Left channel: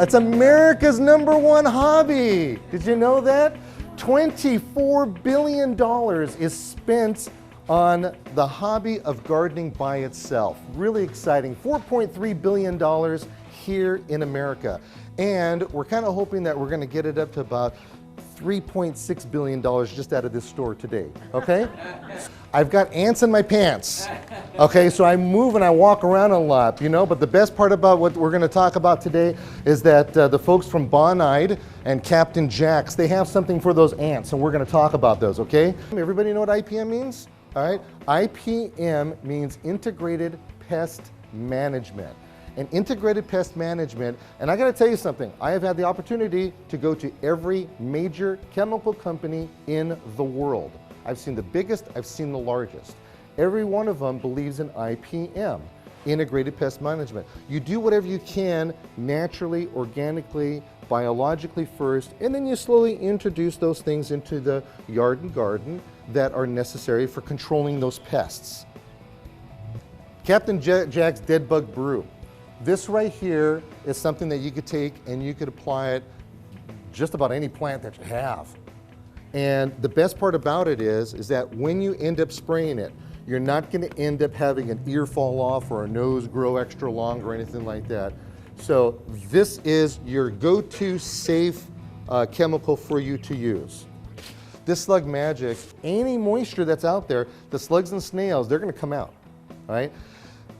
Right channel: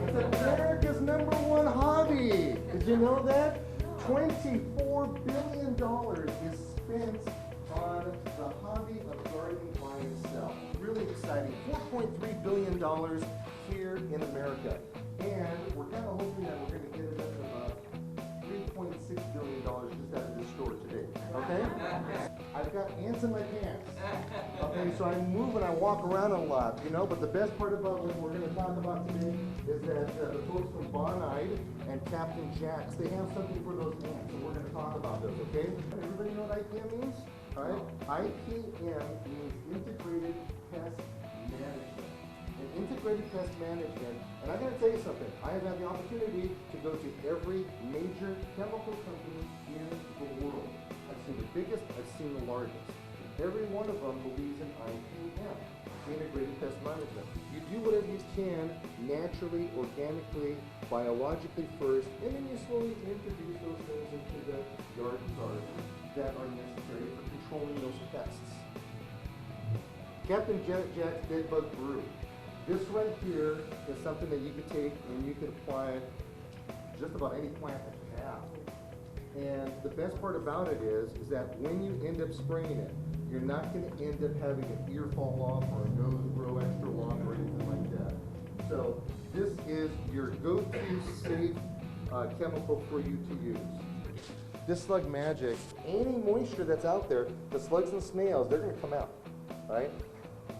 It's America's #1 hobby. Did you know that? $24 billion is spent on the hobby of gardening by itself. Really exciting. $4.3 billion here in America. And we're kind of hoping that we're going to get it up to about $3.6 billion just out of this store today, okay? I've got ants in my pants, okay? So I move and I walk around a lot, you know, but the best part about what we're gonna talk about today is that the folks from Bonide and Captain Jack's, they have something for those ants, and we're gonna talk about those, okay? Everybody know what IPM means? All right, IPM means Integrated Pest Management. And integrated pest management, and I gotta tell you something, I have had the opportunity to go to every major chemical company in the world. I've seen the biggest, I've seen the largest. Every one of them believes in IPM, integrated pest management. You do whatever you can naturally, organically, biologically first, and then you slowly introduce those things into the yard and garden that are necessary for controlling those pests. Captain Jack's Dead Bug Brew. This right here is something that you could take and you could apply it just about any plant that you have. And the best part about it is that when you end up spraying it, you're not going to end up having an ear fall off or a nose grow extra long or anything like that. So this is your go-to safe chemical for you to use. This Slug Magic, any moisture that's out there, the slugs and snails, they're going to come out, right?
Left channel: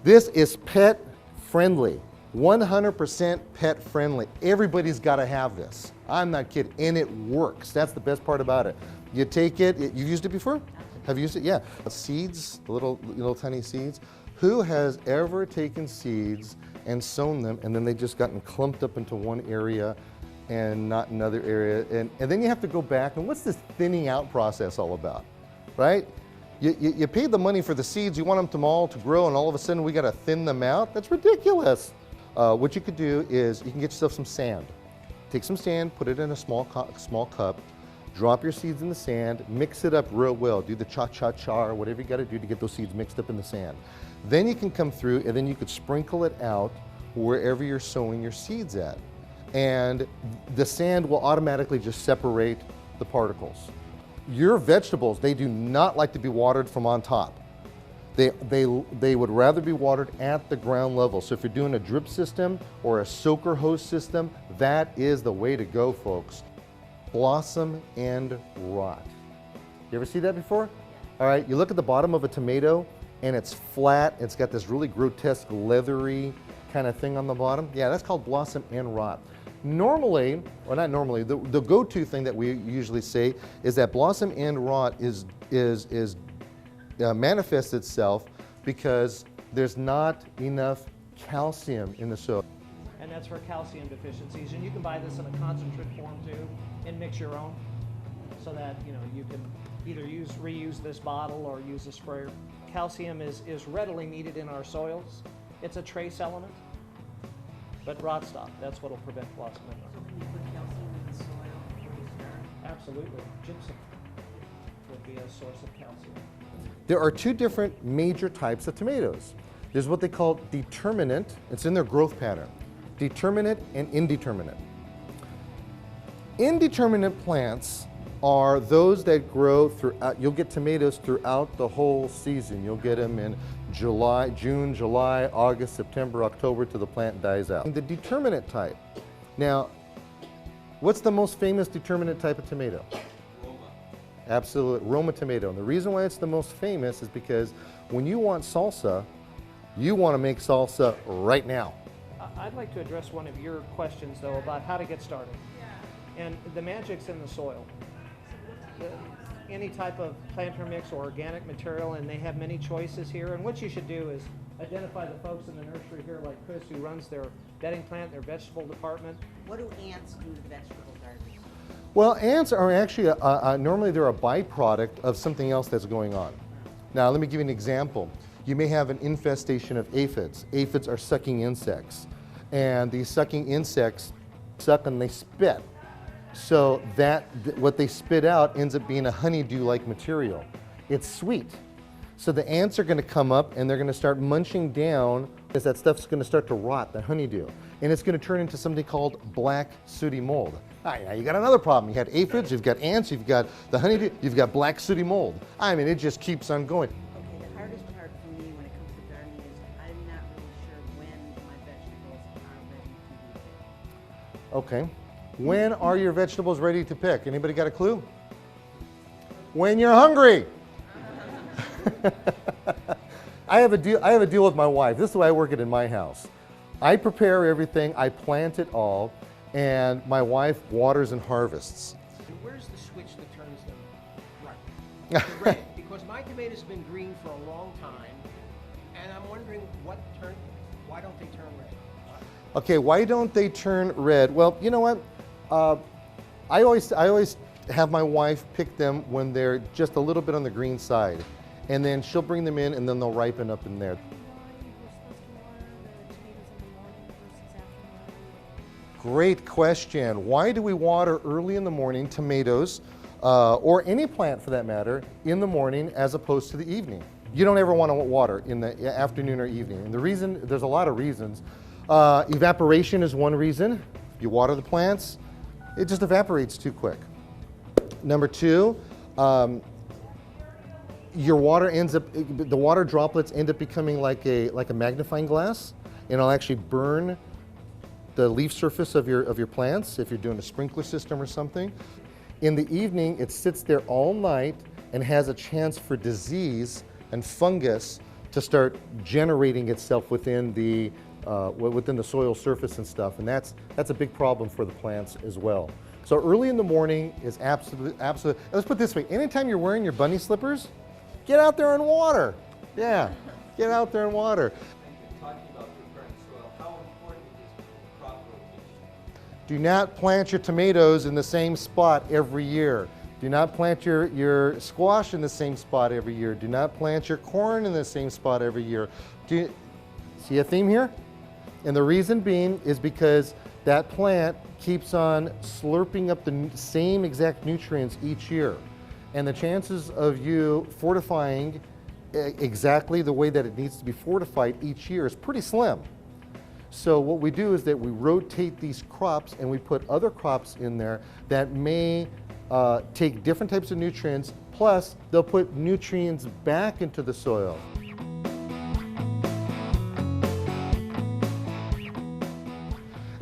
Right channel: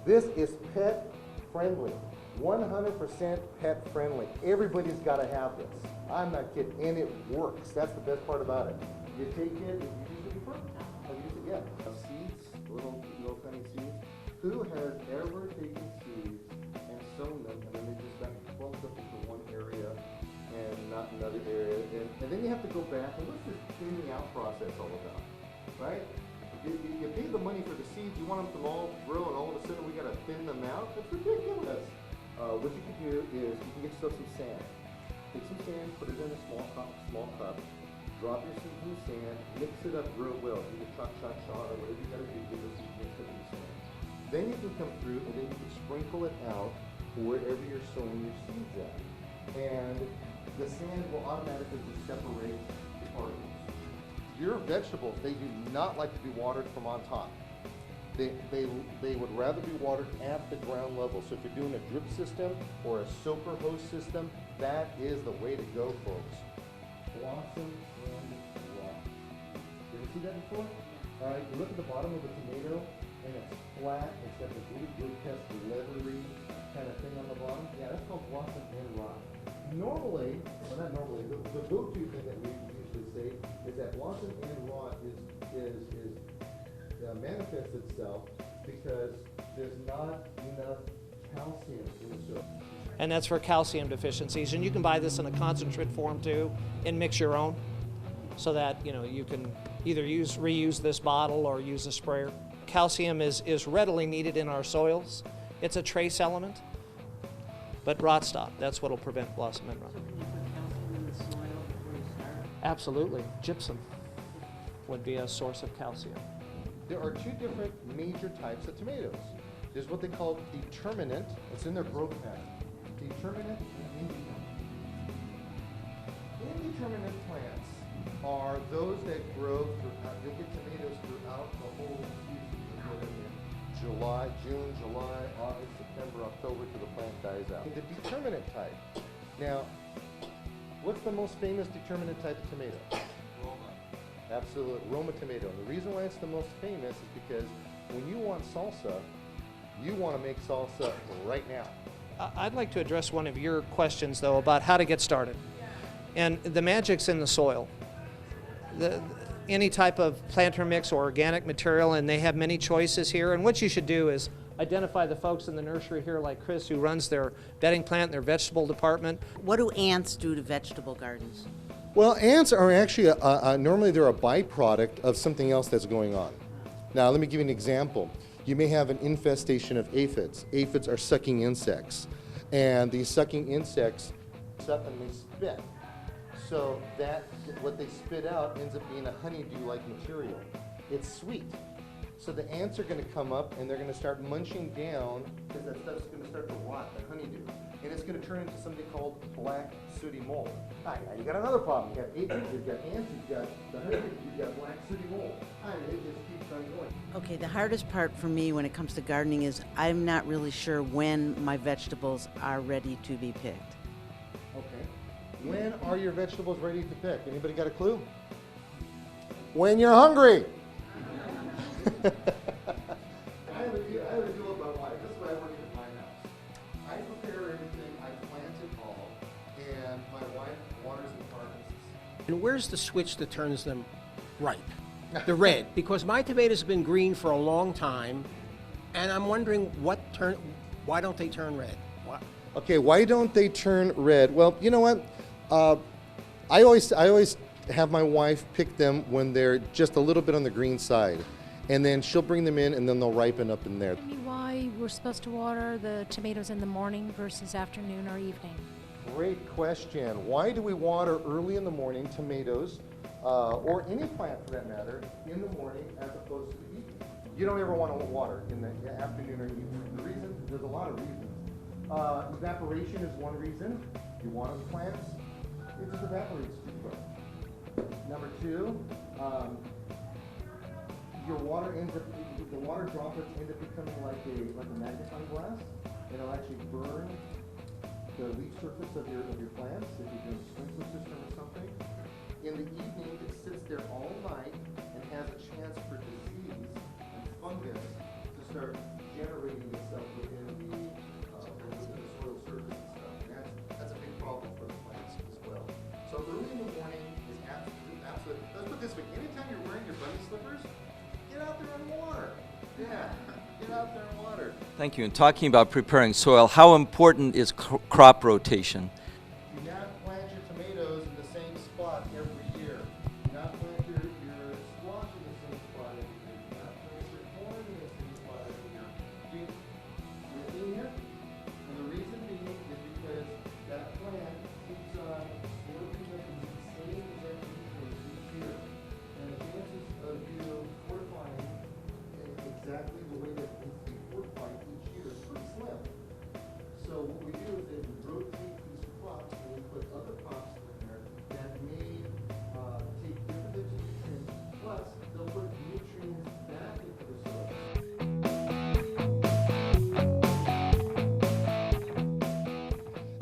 This is pet friendly, 100% pet friendly. Everybody's got to have this. I'm not kidding, and it works. That's the best part about it. You take it, you've used it before? Have you used it? Yeah. Seeds, little tiny seeds. Who has ever taken seeds and sown them and then they just gotten clumped up into one area and not another area? And then you have to go back, and what's this thinning out process all about, right? You paid the money for the seeds, you want them all to grow, and all of a sudden we got to thin them out? That's ridiculous. What you could do is you can get yourself some sand. Take some sand, put it in a small cup, drop your seeds in the sand, mix it up real well. Do the cha-cha-cha or whatever you got to do to get those seeds mixed up in the sand. Then you can come through and then you could sprinkle it out wherever you're sowing your seeds at. And the sand will automatically just separate the particles. Your vegetables, they do not like to be watered from on top. They would rather be watered at the ground level. So if you're doing a drip system or a soaker hose system, that is the way to go, folks. Blossom and rot. You ever see that before? All right, you look at the bottom of a tomato and it's flat, it's got this really grotesque leathery kind of thing on the bottom. Yeah, that's called blossom and rot. Normally, well not normally, the go-to thing that we usually say is that blossom and rot manifests itself because there's not enough calcium in the soil. And that's for calcium deficiencies. And you can buy this in a concentrate form too and mix your own so that you can either reuse this bottle or use a sprayer. Calcium is readily needed in our soils. It's a trace element. But rot stop, that's what will prevent blossom and rot. Absolutely. Gypsum would be a source of calcium. There are two different major types of tomatoes. There's what they call determinate, it's in their growth pattern. Determinate and indeterminate. Indeterminate plants are those that grow throughout, you'll get tomatoes throughout the whole season. You'll get them in June, July, August, September, October till the plant dies out. The determinate type. Now, what's the most famous determinate type of tomato? Roma. Absolutely, Roma tomato. And the reason why it's the most famous is because when you want salsa, you want to make salsa right now. I'd like to address one of your questions though about how to get started. And the magic's in the soil. Any type of planter mix or organic material, and they have many choices here. And what you should do is identify the folks in the nursery here like Chris who runs their bedding plant, their vegetable department. What do ants do to vegetable gardens? Well, ants are actually, normally they're a byproduct of something else that's going on. Now let me give you an example. You may have an infestation of aphids. Aphids are sucking insects. And these sucking insects suck and they spit. So what they spit out ends up being a honeydew-like material. It's sweet. So the ants are going to come up and they're going to start munching down because that stuff's going to start to rot, the honeydew. and it's going to turn into something called black sooty mold. All right, now you got another problem. You got aphids, you've got ants, you've got the honeybee, you've got black sooty mold. I mean, it just keeps on going. Okay, the hardest part for me when it comes to gardening is I'm not really sure when my vegetables are ready to be picked. Okay. When are your vegetables ready to pick? Anybody got a clue? When you're hungry. I have a deal with my wife. This is the way I work it in my house. I prepare everything, I plant it all, and my wife waters and harvests. And where's the switch that turns them ripe? The red, because my tomatoes have been green for a long time, and I'm wondering why don't they turn red? Okay, why don't they turn red? Well, you know what? I always have my wife pick them when they're just a little bit on the green side, and then she'll bring them in, and then they'll ripen up in there. Why we're supposed to water the tomatoes in the morning versus afternoon or evening? Great question. Why do we water early in the morning tomatoes, or any plant for that matter, in the morning as opposed to the evening? You don't ever want to water in the afternoon or evening. And the reason, there's a lot of reasons. Evaporation is one reason. You water the plants, it just evaporates too quick. Number two, your water the water droplets end up becoming like a magnifying glass, and it'll actually burn the leaf surface of your plants if you're doing a sprinkler system or something. In the evening, it sits there all night and has a chance for disease and fungus to start generating itself within the soil surface and stuff, and that's a big problem for the plants as well. So early in the morning is absolute. Let's put it this way: anytime you're wearing your bunny slippers, get out there and water. Yeah, get out there and water. Thank you. And talking about preparing soil, how important is crop rotation? Do not plant your tomatoes in the same spot every year. Do not plant your squash in the same spot every year. Do not plant your corn in the same spot every year. Do you see a theme here? And the reason being is because that plant keeps on slurping up the same exact nutrients each year. And the chances of you fortifying exactly the way that it needs to be fortified each year is pretty slim. So what we do is that we rotate these crops and we put other crops in there that may take different types of nutrients, plus they'll put nutrients back into the soil.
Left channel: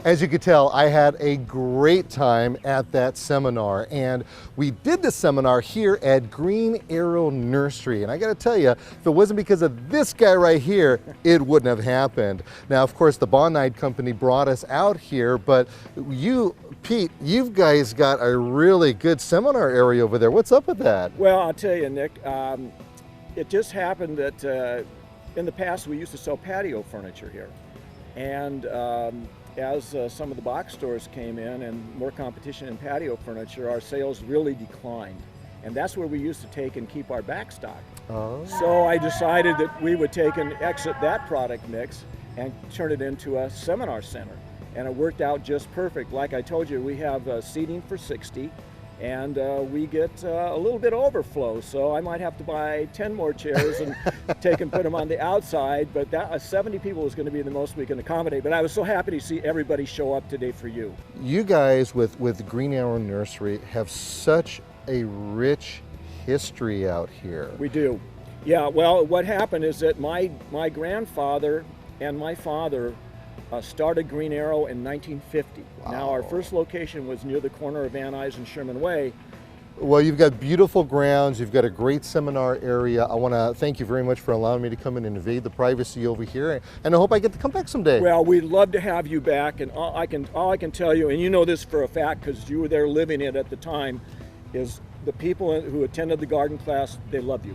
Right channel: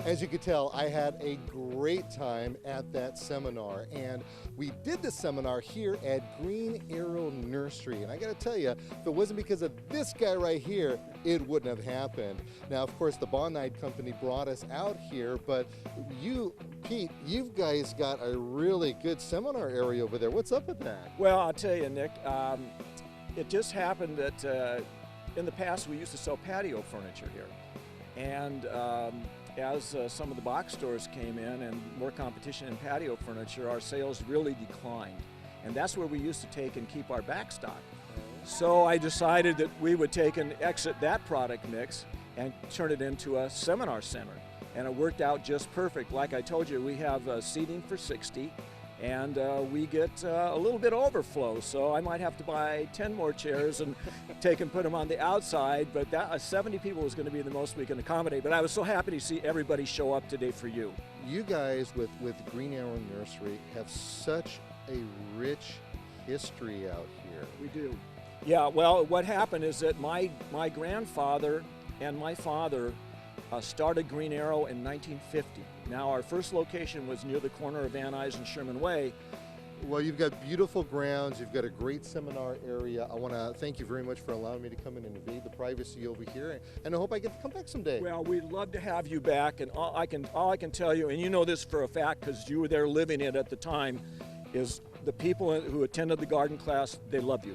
As you could tell, I had a great time at that seminar, and we did the seminar here at Green Arrow Nursery. And I gotta tell you, if it wasn't because of this guy right here, it wouldn't have happened. Now, of course, the Bonide company brought us out here, but you, Pete, you guys got a really good seminar area over there. What's up with that? Well, I'll tell you, Nick, it just happened that in the past we used to sell patio furniture here. And as some of the box stores came in and more competition in patio furniture, our sales really declined. And that's where we used to take and keep our back stock. Oh. So I decided that we would take and exit that product mix and turn it into a seminar center. And it worked out just perfect. Like I told you, we have seating for 60, and we get a little bit overflow. So I might have to buy 10 more chairs and take and put them on the outside, but that 70 people is going to be the most we can accommodate. But I was so happy to see everybody show up today for you. You guys with Green Arrow Nursery have such a rich history out here. We do. Yeah, well, what happened is that my grandfather and my father started Green Arrow in 1950. Wow. Now, our first location was near the corner of Van Nuys and Sherman Way. Well, you've got beautiful grounds, you've got a great seminar area. I want to thank you very much for allowing me to come in and invade the privacy over here, and I hope I get to come back someday. Well, we'd love to have you back, and all I can tell you, and you know this for a fact because you were there living it at the time, is the people who attended the garden class, they love you.